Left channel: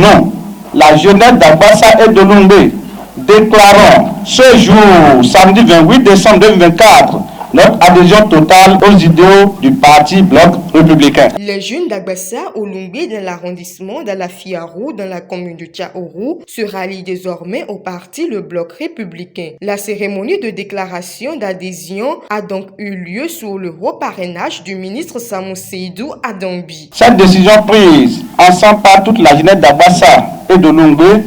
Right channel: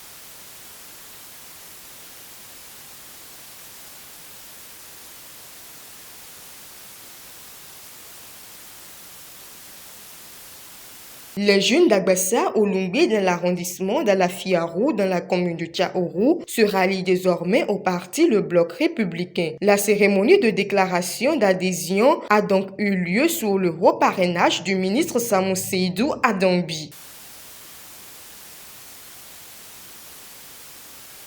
nom, la jeunesse d'Agbassa et de Lungbe, déclarons ce jour, samedi 28 décembre 2024, notre adhésion totale aux idéaux du parti Bloc républicain. Les jeunes d'Agbassa au Lungbe dans l'arrondissement d'Alafiarou, dans la commune de Tchaourou, se rallient désormais au parti le Bloc républicain. La cérémonie de déclaration d'adhésion a donc eu lieu sous le haut parrainage du ministre Samou Seydou Adambi. Cette décision prise ensemble par toute la jeunesse d'Agbassa et de Lungbe,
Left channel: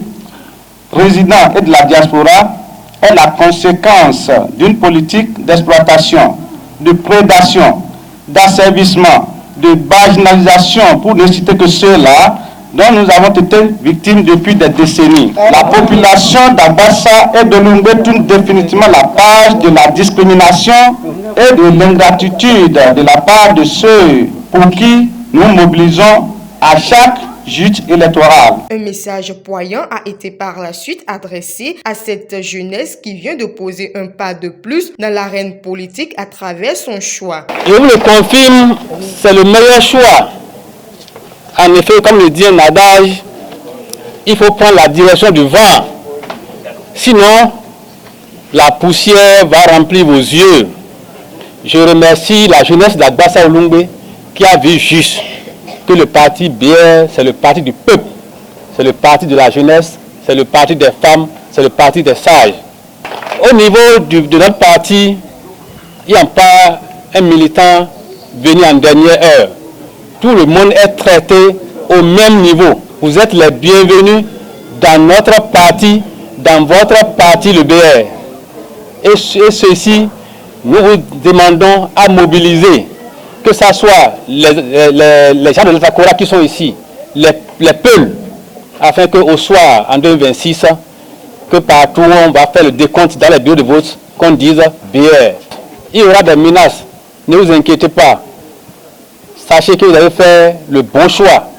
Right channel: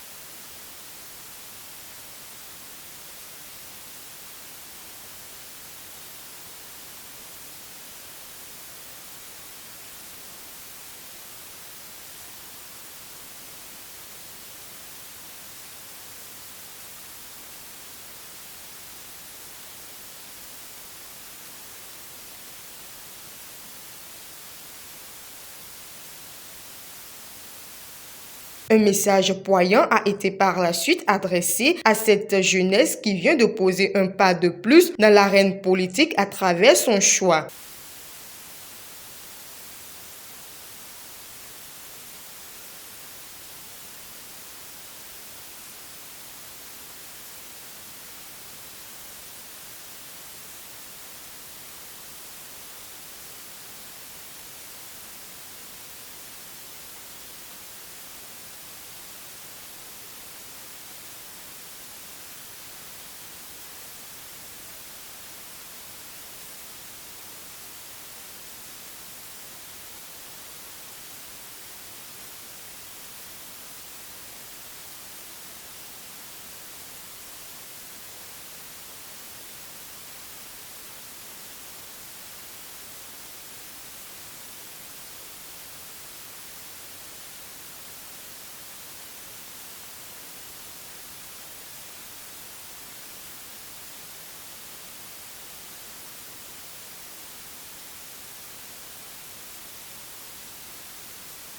résidents et de la diaspora, est la conséquence d'une politique d'exploitation, de prédation, d'asservissement, de marginalisation, pour ne citer que ceux-là, dont nous avons été victimes depuis des décennies. La population d'Agbassa et de Lungbe tourne définitivement la page de la discrimination et de l'ingratitude de la part de ceux pour qui nous mobilisons à chaque joute électorale. Un message poignant a été par la suite adressé à cette jeunesse qui vient de poser un pas de plus dans l'arène politique à travers son choix. Je vous le confirme, c'est le meilleur choix. En effet, comme le dit un adage, il faut prendre la direction du vent. Sinon, la poussière va remplir vos yeux. Je remercie la jeunesse d'Agbassa Lungbe qui a vu juste que le parti BR, c'est le parti du peuple, c'est le parti de la jeunesse, c'est le parti des femmes, c'est le parti des sages. Au niveau de notre parti, il n'y a pas un militant venu en dernière heure. Tout le monde est traité au même niveau. Vous êtes les bienvenus dans notre parti, dans votre parti, le BR. Et ceci, nous vous demandons à mobiliser, que ce soit les gens de l'Etakora qui sont ici, les Peuls, afin qu'au soir, en 2026, que partout on va faire le décompte dans les bureaux de vote, qu'on dise BR. Il y aura des menaces, ne vous inquiétez pas. Sachez que vous avez fait le bon choix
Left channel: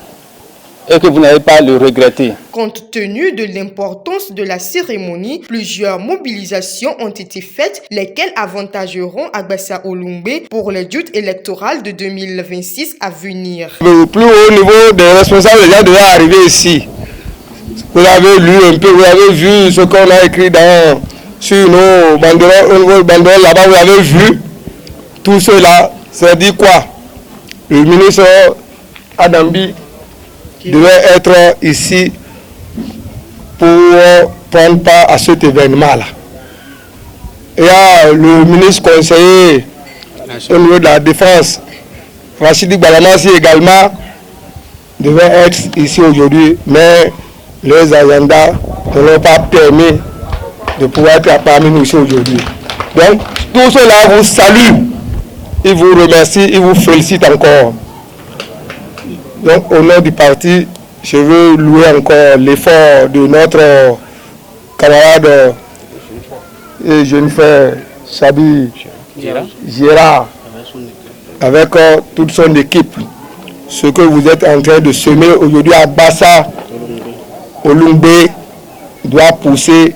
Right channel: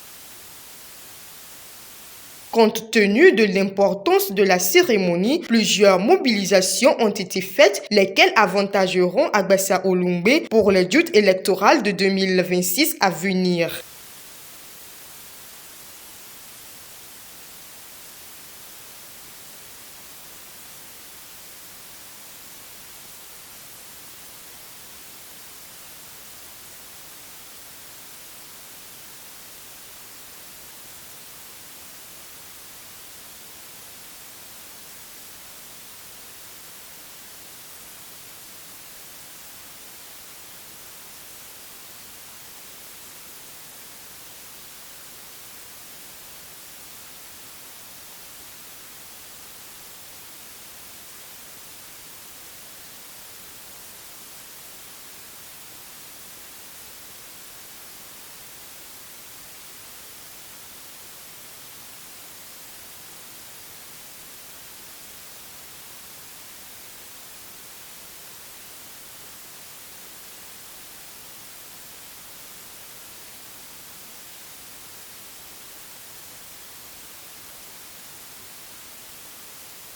et que vous n'allez pas le regretter. Compte tenu de l'importance de la cérémonie, plusieurs mobilisations ont été faites, lesquelles avantageront Agbassa Lungbe pour les joutes électorales de 2026 à venir. Le plus haut niveau des responsables déjà devraient arriver ici. Vous avez lu un peu, vous avez vu ce qu'on a écrit sur nos banderoles là-bas, vous avez vu tout cela. Ça dit quoi? Le ministre Adambi devait être ici pour prendre part à cet événement-là. Il y a le ministre conseiller au niveau de la défense, Rachidi Balamassi également, devait être ici aujourd'hui, mais les agendas ne l'ont pas permis de pouvoir être parmi nous ici aujourd'hui. Donc, tout cela vous salue, il vous remercie, il vous félicite encore. Donc, au nom du parti, je veux louer encore l'effort de notre camarade et jeune frère Sabi Gérard, avec toute son équipe. Ce que vous êtes en train de semer aujourd'hui à Agbassa Lungbe doit pousser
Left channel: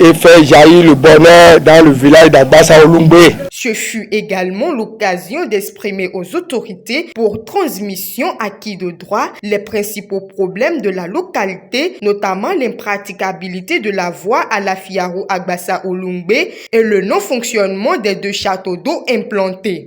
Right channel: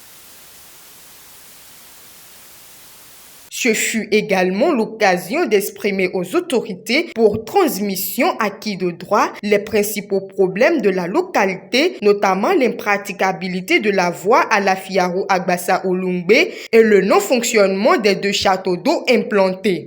et faire jaillir le bonheur dans le village d'Agbassa Lungbe. Ce fut également l'occasion d'exprimer aux autorités pour transmission acquis de droit les principaux problèmes de la localité, notamment l'impraticabilité de la voie à Alafiarou Agbassa Lungbe et le non-fonctionnement des 2 châteaux d'eau implantés.